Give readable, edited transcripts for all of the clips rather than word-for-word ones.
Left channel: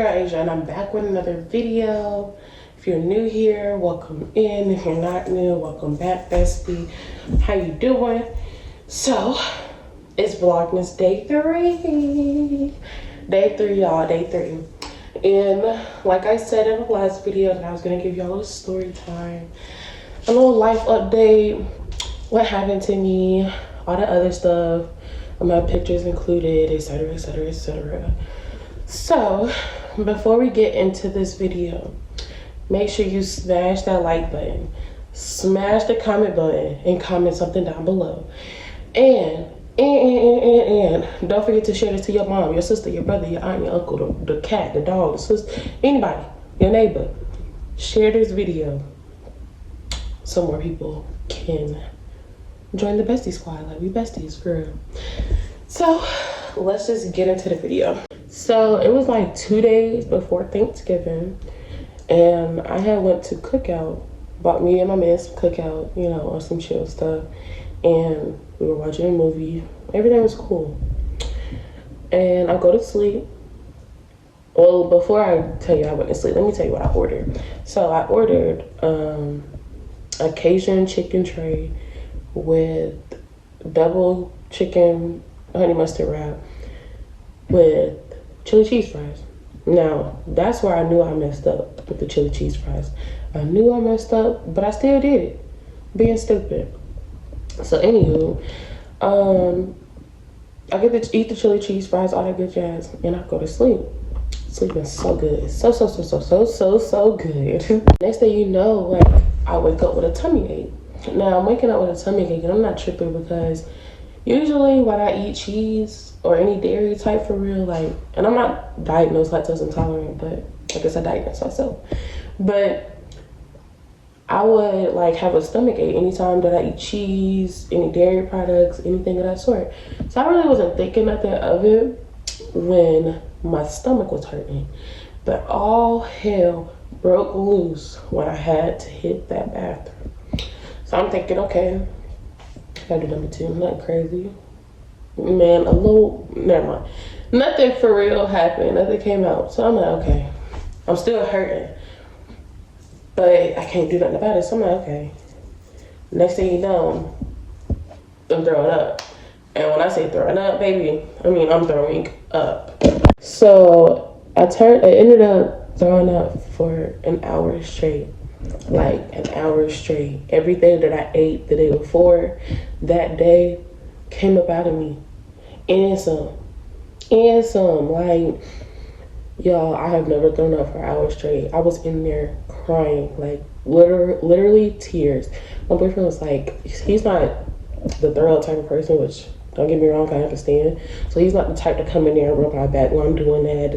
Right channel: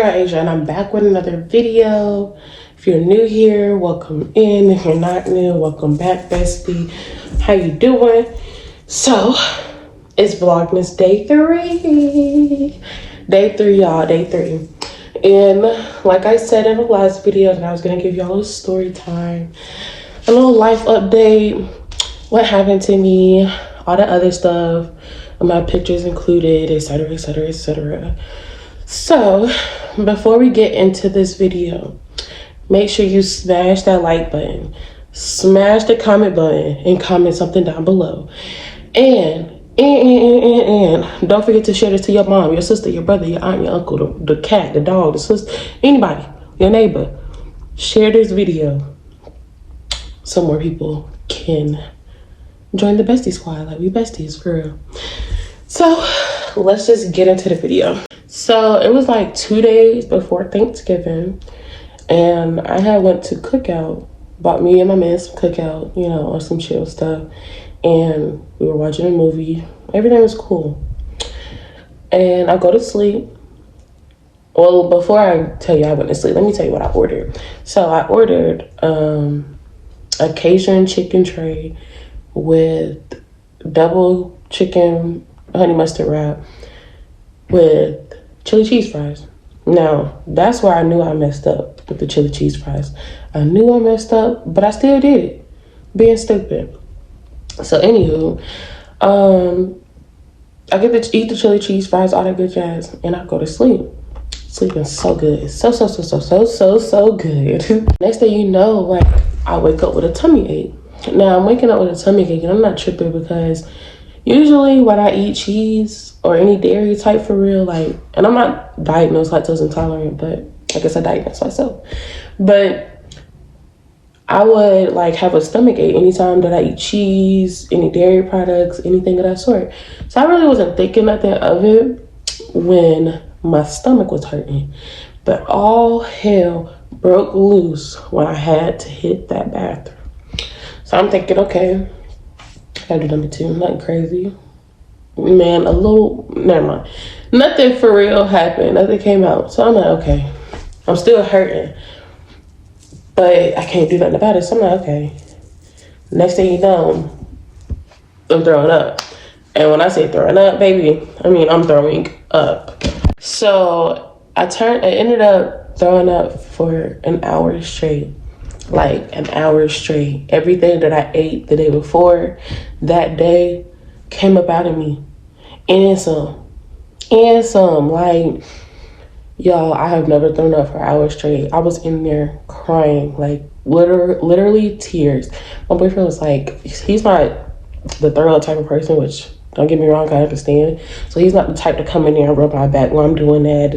girl Asia, and I'm back with another video. If you're new here, welcome in. If you're not new, welcome back, bestie. How you doing? So it's Vlogmas day 3. Day 3, y'all, day 3. And like I said in the last video, that I was gonna give y'all a story time, a little life update, what happened to me, all the other stuff, my pictures included, etc, etc, etc. So before we get into this video, make sure you smash that like button, smash the comment button, and comment something down below. And don't forget to share this to your mom, your sister, your brother, your aunt, your uncle, the cat, the dog, the sister, anybody, your neighbor. Share this video so more people can join the bestie squad. Like, we besties for real. So let's just get into the video. So it was like 2 days before Thanksgiving, and I had went to cookout, bought me and my man some cookout, you know, or some chill stuff, and we were watching a movie. Everything was cool. And I go to sleep. Well, before I tell you I went to sleep, let me tell you what I ordered. So I ordered a Cajun chicken tray with double chicken honey mustard wrap with chili cheese fries. Now, that's where I knew I messed up with the chili cheese fries. I knew I messed up, but I still did it, being stupid. So anywho, I get to eat the chili cheese fries, all that good jazz, and I go to sleep. Sleeping so good, so good. Next thing you know, like, I wake up with a tummy ache. Now I'm waking up with a tummy ache, and I'm not tripping because usually when I eat cheese or any dairy type for real, like, and I'm not diagnosed lactose intolerant, but I guess I diagnosed myself. But I would like have a stomach ache anytime that I eat cheese, any dairy products, anything of that sort. So I really wasn't thinking nothing of it when my stomach was hurting. But all hell broke loose when I had to hit that bathroom. So I'm thinking, okay, I gotta do number 2, nothing crazy. Man, a little, never mind. Nothing for real happened, nothing came out. So I'm like, okay, I'm still hurting, but I can't do nothing about it. So I'm like, okay. Next thing you know, I'm throwing up. And when I say throwing up, baby, I mean, I'm throwing up. So I ended up throwing up for an hour straight. Like an hour straight. Everything that I ate the day before, that day, came up out of me. And some. Like, y'all, I have never thrown up for hours straight. I was in there crying, like literally tears. My boyfriend was like, he's not the thorough type of person, which, don't get me wrong, I understand. So he's not the type to come in there and rub my back while I'm doing that,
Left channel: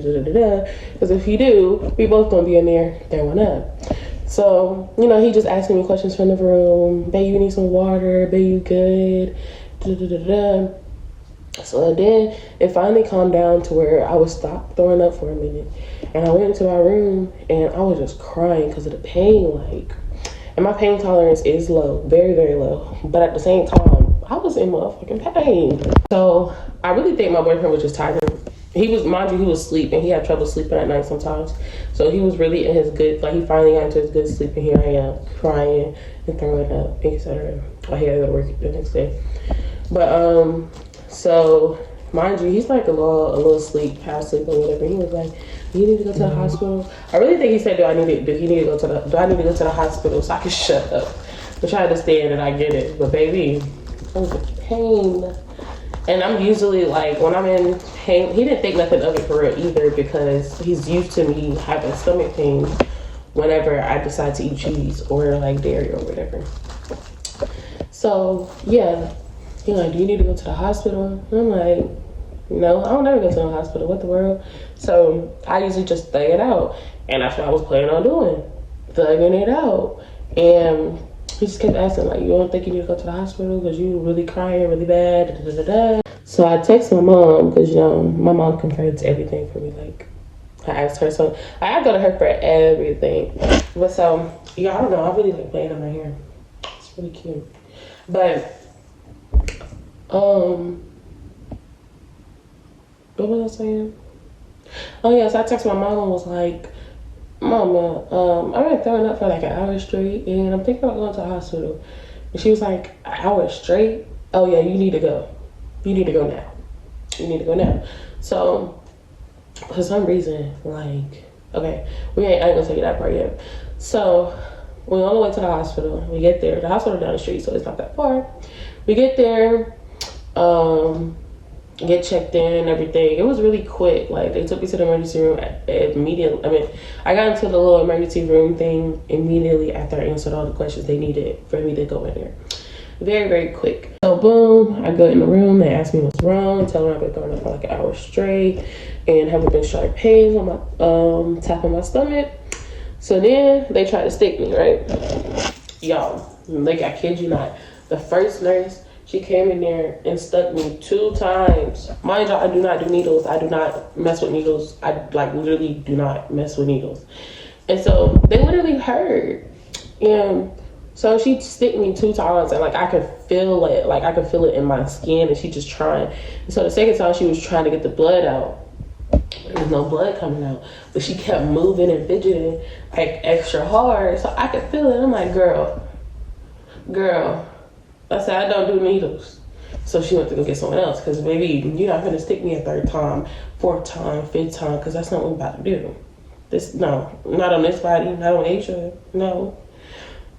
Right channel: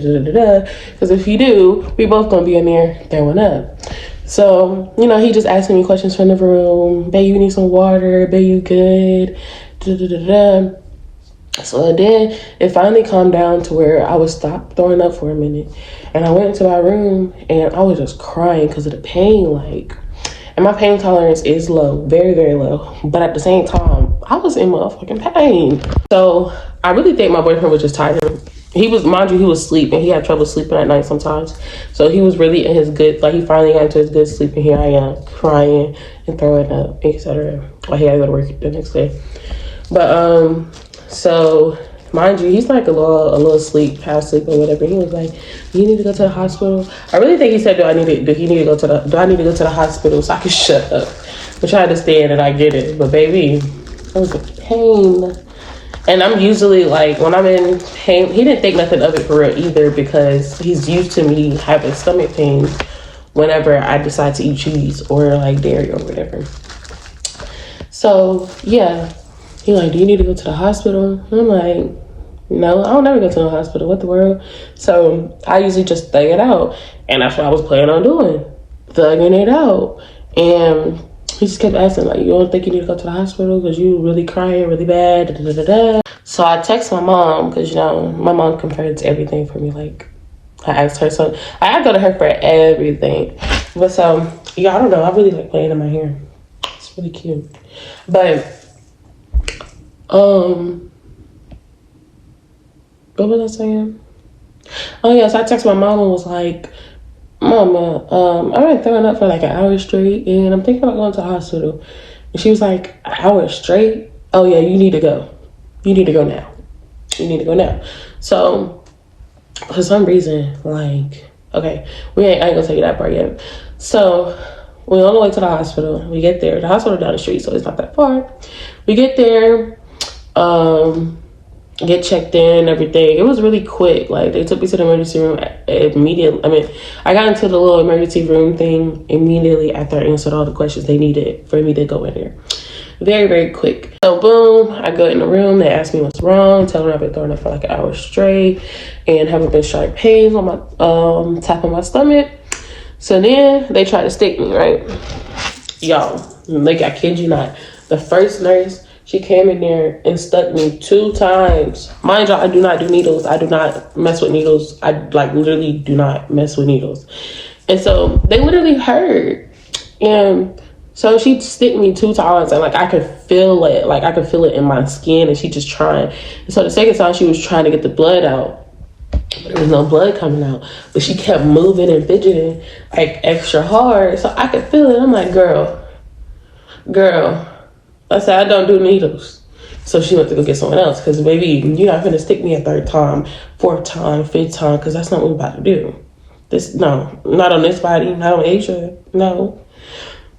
because if you do, we both gonna be in there throwing up. So, you know, he just asking me questions from the room. Babe, you need some water? Babe, you good? So then it finally calmed down to where I would stop throwing up for a minute. And I went into my room and I was just crying because of the pain, like, and my pain tolerance is low, very, very low. But at the same time, I was in motherfucking pain. So I really think my boyfriend was just tired. He was, mind you, he was asleep and he had trouble sleeping at night sometimes. So he was really in his good, like, he finally got into his good sleep, and here I am crying and throwing up, etc. While he had to go to work the next day. But so mind you, he's like a little asleep, half asleep or whatever. He was like, "You need to go to the hospital." I really think he said, do I need to go to the hospital so I can shut up? Which I understand and I get it, but baby, it was a pain. And I'm usually like, when I'm in pain, he didn't think nothing of it for real either, because he's used to me having stomach pain whenever I decide to eat cheese or like dairy or whatever. So yeah, he like, "Do you need to go to the hospital?" And I'm like, no, I don't never go to the hospital. What the world? So I usually just thug it out. And that's what I was planning on doing, thugging it out. And he just kept asking, like, "You don't think you need to go to the hospital because you really crying really bad?" So I text my mom, because, you know, my mom confirms everything for me. Like, I asked her, so I go to her for everything. But so, yeah, I don't know. I really like playing in my hair. It's really cute. But, what was I saying? Oh yeah, so I texted my mom and was like, Mama, I've been throwing up for like an hour straight and I'm thinking about going to the hospital. And she was like, an hour straight? Oh yeah, you need to go. You need to go now. You need to go now. So for some reason, like, okay, I ain't gonna tell you that part yet. So we're on the way to the hospital. We get there. The hospital down the street, so it's not that far. We get there, get checked in, everything. It was really quick. Like, they took me to the emergency room immediately. I mean, I got into the little emergency room thing immediately after I answered all the questions they needed for me to go in there. Very, very quick. So boom, I go in the room. They ask me what's wrong. Tell them I've been throwing up for like an hour straight and haven't been sharp pains on my top of my stomach. So then they try to stick me, right? Y'all, like, I kid you not. The first nurse, she came in there and stuck me 2 times. Mind you, I do not do needles. I do not mess with needles. I like literally do not mess with needles. And so they literally hurt. And so she stick me 2 times and like I could feel it. Like I could feel it in my skin and she just trying. And so the second time she was trying to get the blood out. But there was no blood coming out. But she kept moving and fidgeting like extra hard. So I could feel it. I'm like, girl. I said, I don't do needles. So she went to go get someone else. Because, baby, you're not going to stick me a 3rd time, 4th time, 5th time. Because that's not what we're about to do. No, not on this body. Not on Asia. No.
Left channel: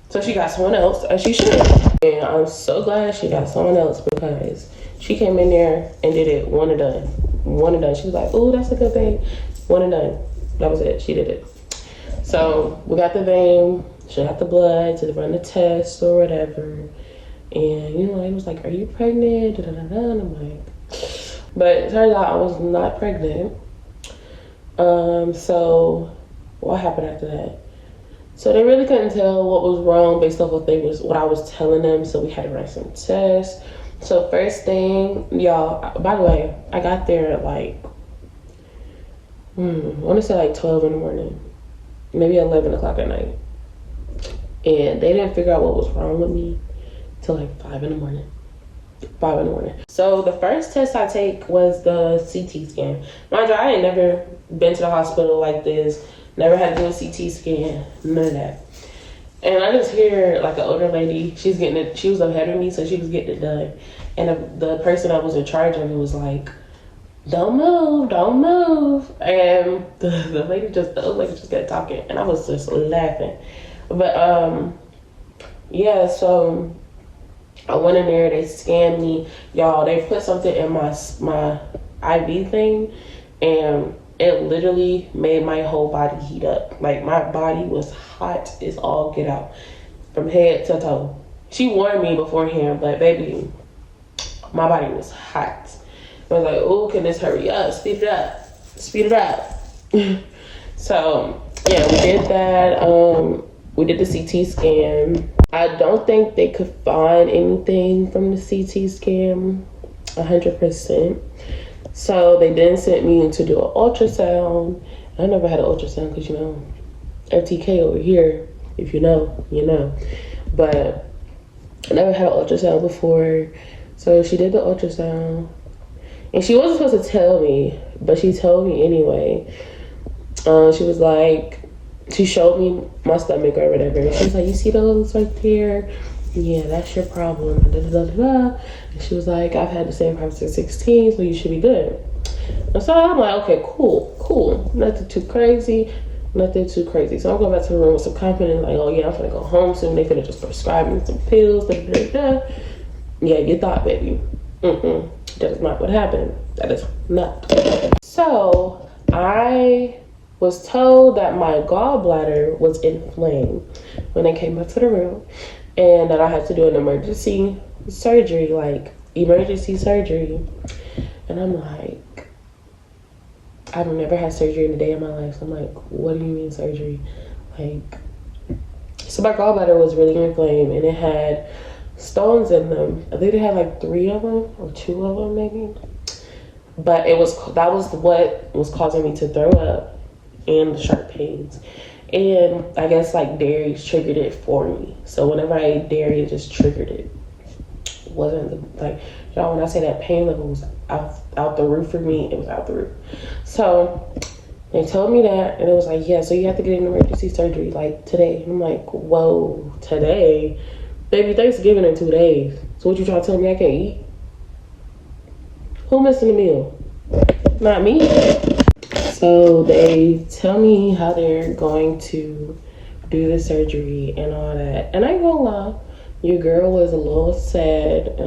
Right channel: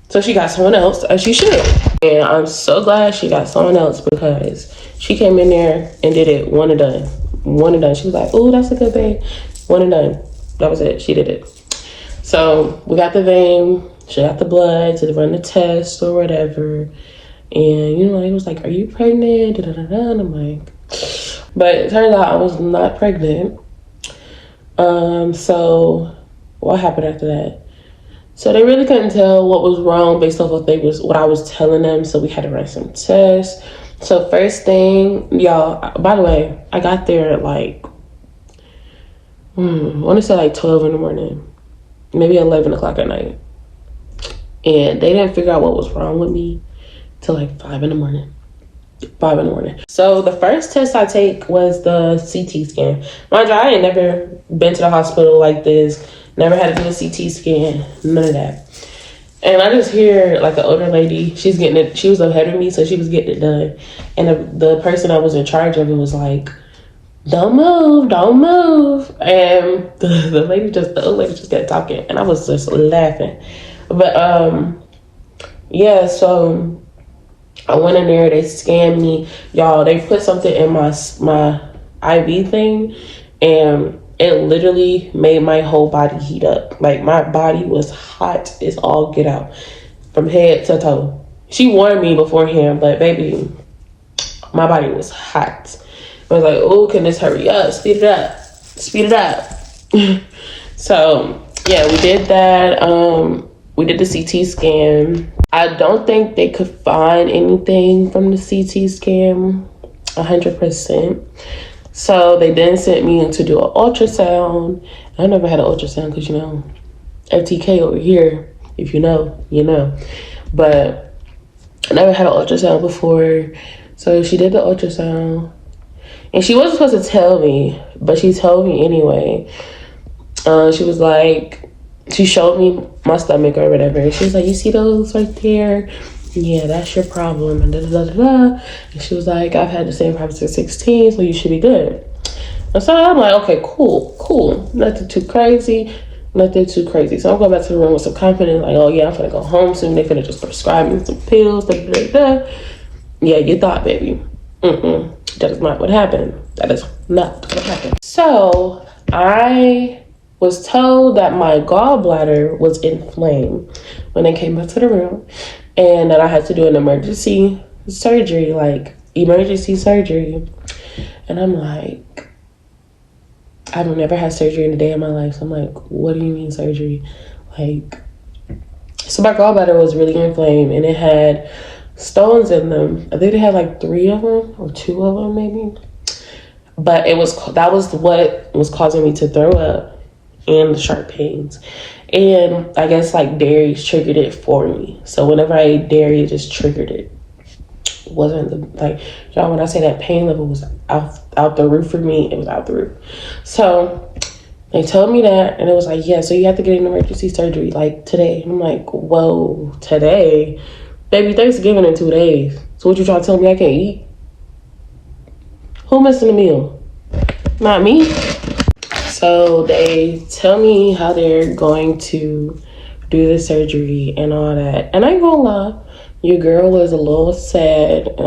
So she got someone else, as she should. And I'm so glad she got someone else because she came in there and did it one and done. One and done. She was like, oh, that's a good vein. One and done. That was it. She did it. So we got the vein. She got the blood to run the test or whatever. And, you know, he was like, are you pregnant? Da-da-da-da. And I'm like, but it turns out I was not pregnant. So what happened after that? So they really couldn't tell what was wrong based off what I was telling them. So we had to run some tests. So first thing, y'all, by the way, I got there at like, I want to say like 12 in the morning, maybe 11 o'clock at night. And they didn't figure out what was wrong with me till like 5 in the morning. 5 in the morning. So the first test I take was the CT scan. Mind you, I ain't never been to the hospital like this. Never had to do a CT scan. None of that. And I just hear like an older lady. She's getting it. She was ahead of me, so she was getting it done. And the person I was in charge of it was like, "Don't move, don't move." And the old lady just kept talking, and I was just laughing. But yeah. So I went in there, they scanned me. Y'all, they put something in my IV thing, and it literally made my whole body heat up. Like, my body was hot as all get out from head to toe. She warned me beforehand, but baby, my body was hot. I was like, oh, can this hurry up? Speed it up. Speed it up. So, yeah, we did that. We did the CT scan. I don't think they could find anything from the CT scan 100%. So they then sent me to do an ultrasound. I never had an ultrasound because, you know, FTK over here, if you know, you know. But I never had an ultrasound before. So she did the ultrasound. And she wasn't supposed to tell me, but she told me anyway. She was like, she showed me my stomach or whatever. She was like, you see those right there? Yeah, that's your problem. And da-da-da-da-da. And she was like, I've had the same problem since 16, so you should be good. And so I'm like, okay, cool. Nothing too crazy. So I'm going back to the room with some confidence, like, oh yeah, I'm finna go home soon. They finna just prescribe me some pills, da-da-da-da. Yeah, you thought, baby. That is not what happened. That is not what happened. So I was told that my gallbladder was inflamed when they came back to the room, and that I had to do an emergency surgery. And I'm like, I've never had surgery in a day of my life. So I'm like, what do you mean surgery? Like, so my gallbladder was really inflamed, and it had stones in them. I think they had like 3 of them or 2 of them maybe. But that was what was causing me to throw up and the sharp pains. And I guess like dairy triggered it for me. So whenever I ate dairy, it just triggered it. It wasn't like, y'all, when I say that pain level was out the roof for me, it was out the roof. So They told me that, and it was like, yeah, so you have to get an emergency surgery, like, today. And I'm like, whoa, today? Baby, Thanksgiving in 2 days. So what you trying to tell me I can't eat? Who missing a meal? Not me. So they tell me how they're going to do the surgery and all that. And I ain't gonna lie, your girl was a little sad.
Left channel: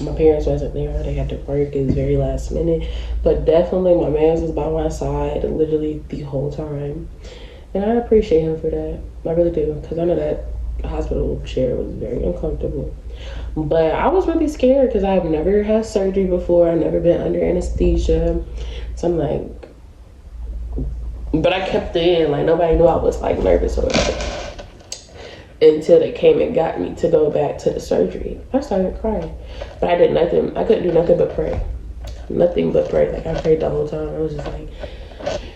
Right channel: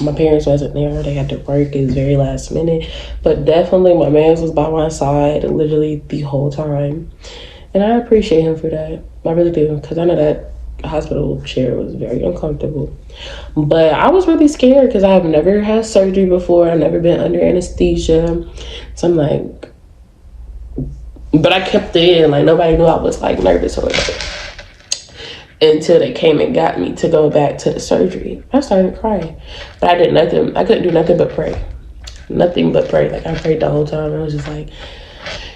My parents wasn't there. They had to work. It was very last minute. But definitely my man was by my side literally the whole time. And I appreciate him for that. I really do. Because I know that hospital chair was very uncomfortable. But I was really scared because I've never had surgery before. I've never been under anesthesia. So I'm like, but I kept it in. Like, nobody knew I was like nervous or whatever. Until they came and got me to go back to the surgery. I started crying. But I did nothing. I couldn't do nothing but pray. Nothing but pray. Like, I prayed the whole time. I was just like,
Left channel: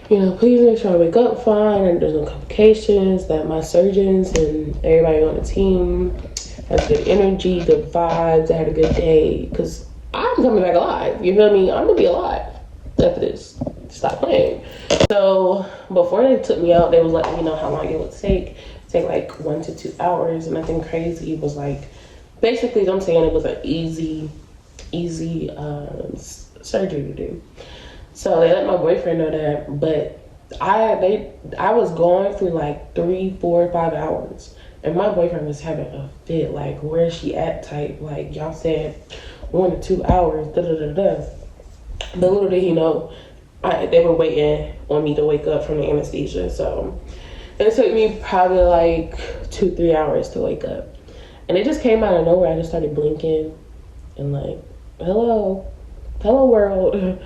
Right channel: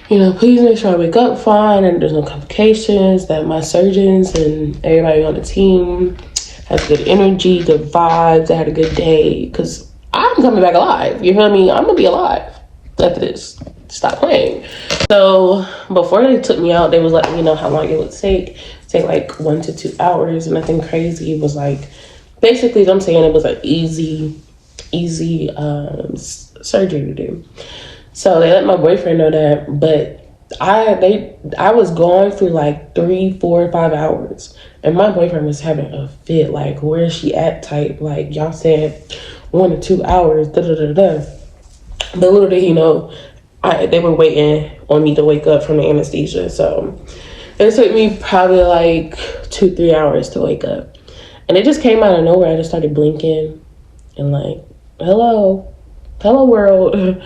you know, please make sure I wake up fine and there's no complications, that my surgeons and everybody on the team has good energy, good vibes, I had a good day. Because I'm coming back alive. You feel me? I'm going to be alive after this. Stop playing. So before they took me out, they was letting me know how long it would take like 1 to 2 hours. And nothing crazy. Was like, basically I'm saying it was an easy surgery to do. So they let my boyfriend know that, but I was going through like 3, 4, 5 hours, and my boyfriend was having a fit, like, where is she at type, like, y'all said 1 to 2 hours, da da da da. But little did he know, they were waiting on me to wake up from the anesthesia. So it took me probably like 2, 3 hours to wake up, and it just came out of nowhere. I just started blinking and like, hello world.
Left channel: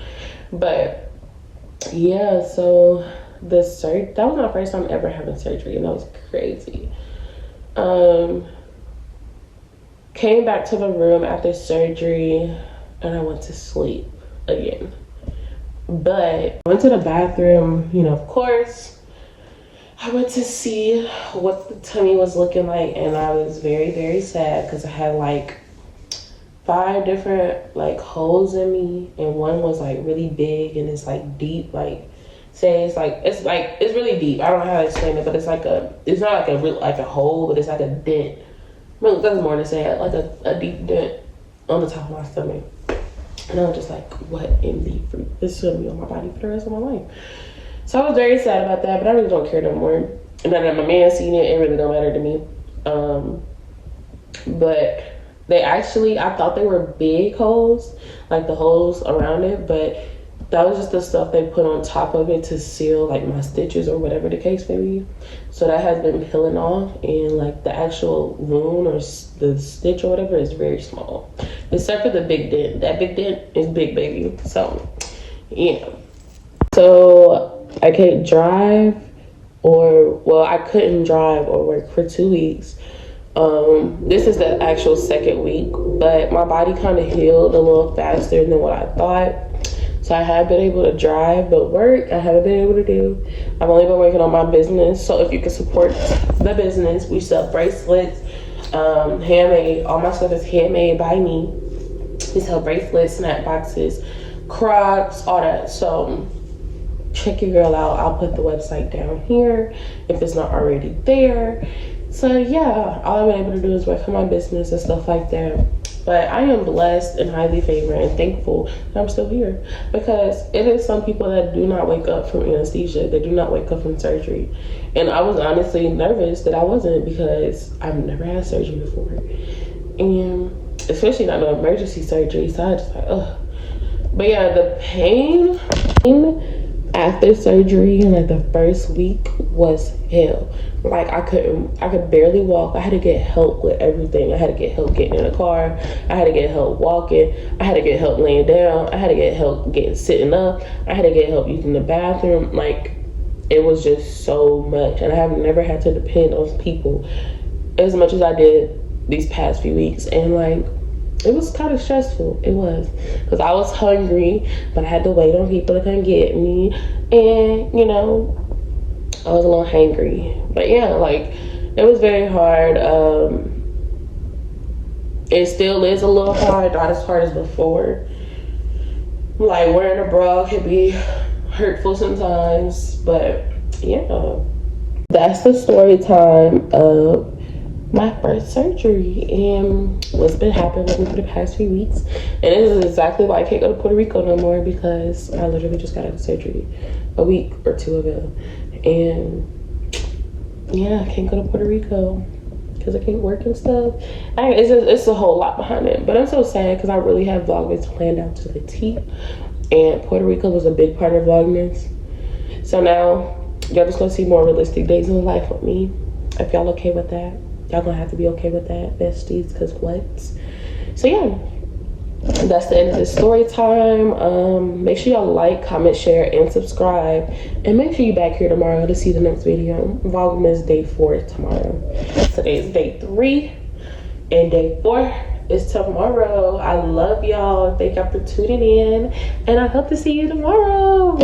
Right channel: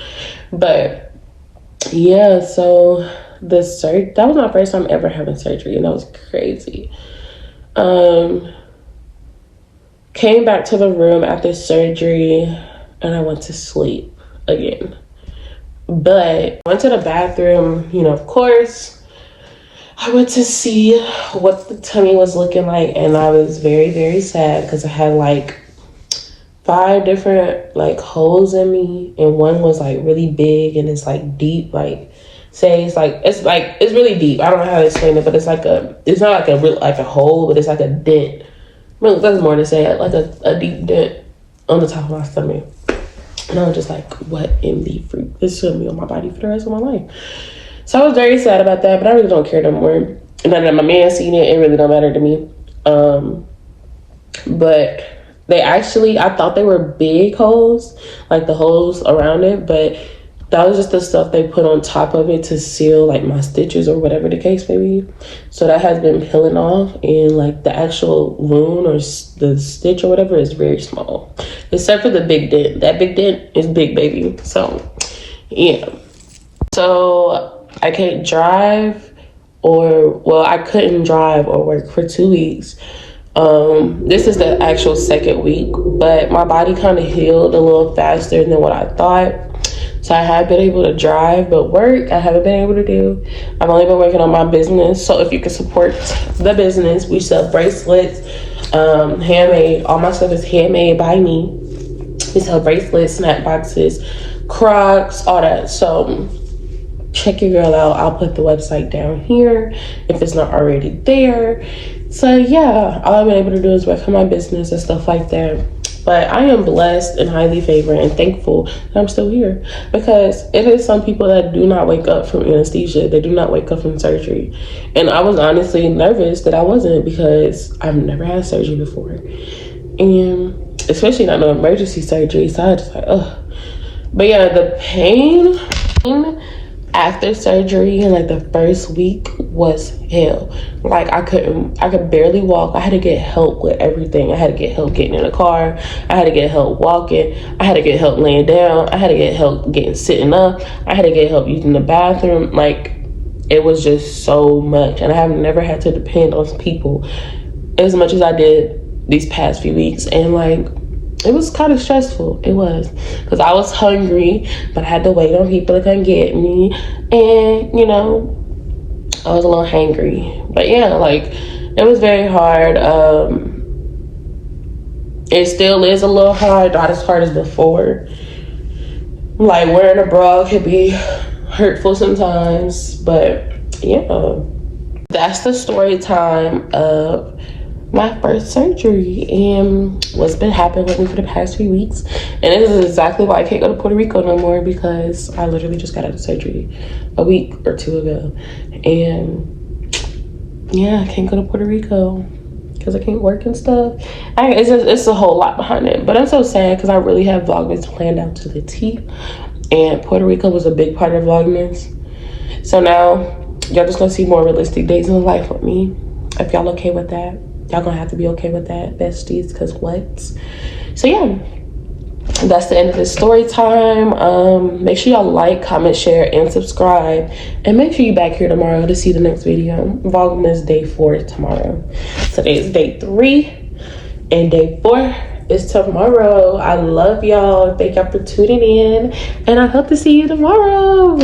But yeah, so that was my first time ever having surgery, and that was crazy. Came back to the room after surgery, and I went to sleep again. But I went to the bathroom, you know, of course. I went to see what the tummy was looking like, and I was very, very sad because I had like 5 different like holes in me, and one was like really big and it's like deep, like say it's really deep. I don't know how to explain it, but it's not like a real like a hole, but it's like a dent. Really, that's more to say, like a deep dent on the top of my stomach. And I was just like, what in the fruit? This is gonna be on my body for the rest of my life. So I was very sad about that, but I really don't care no more. And now that my man seen it, it really don't matter to me. But I thought they were big holes, like the holes around it, but that was just the stuff they put on top of it to seal like my stitches or whatever the case may be. So that has been peeling off, and like the actual wound or the stitch or whatever is very small, except for the big dent. That big dent is big, baby. So yeah. So I can't drive I couldn't drive or work for 2 weeks. This is the actual 2nd week, but my body kind of healed a little faster than what I thought. So I have been able to drive, but work I haven't been able to do. I've only been working on my business. So if you can support the business, we sell bracelets, handmade. All my stuff is handmade by me. We sell bracelets, snap boxes, Crocs, all that. So check your girl out. I'll put the website down here if it's not already there. So yeah, all I've been able to do is work on my business and stuff like that. But I am blessed and highly favored and thankful that I'm still here, because it is some people that do not wake up from anesthesia. They do not wake up from surgery. And I was honestly nervous that I wasn't, because I've never had surgery before. And especially not no emergency surgery. So I was just like, ugh. But yeah, the pain after surgery in like the first week was hell. Like I could barely walk. I had to get help with everything. I had to get help getting in the car. I had to get help walking. I had to get help laying down. I had to get help sitting up. I had to get help using the bathroom. Like, it was just so much. And I have never had to depend on people as much as I did these past few weeks. And like, it was kind of stressful. It was, because I was hungry, but I had to wait on people to come get me. And, you know, I was a little hangry. But yeah, like, it was very hard. It still is a little hard, not as hard as before. Like, wearing a bra could be hurtful sometimes, but yeah, that's the story time of my first surgery and what's been happening with me for the past few weeks. And this is exactly why I can't go to Puerto Rico no more, because I literally just got out of surgery a week or two ago. And yeah, I can't go to Puerto Rico because I can't work and stuff. It's a whole lot behind it, but I'm so sad because I really have Vlogmas planned out to the T, and Puerto Rico was a big part of Vlogmas. So now y'all just gonna see more realistic days in life with me. If y'all okay with that, y'all gonna have to be okay with that, besties, because what? So yeah, that's the end of this story time. Make sure y'all like, comment, share, and subscribe, and make sure you back here tomorrow to see the next video. Vlogmas day 4 tomorrow. Today is day 3 and day 4 is tomorrow. I love y'all. Thank y'all for tuning in, and I hope to see you tomorrow.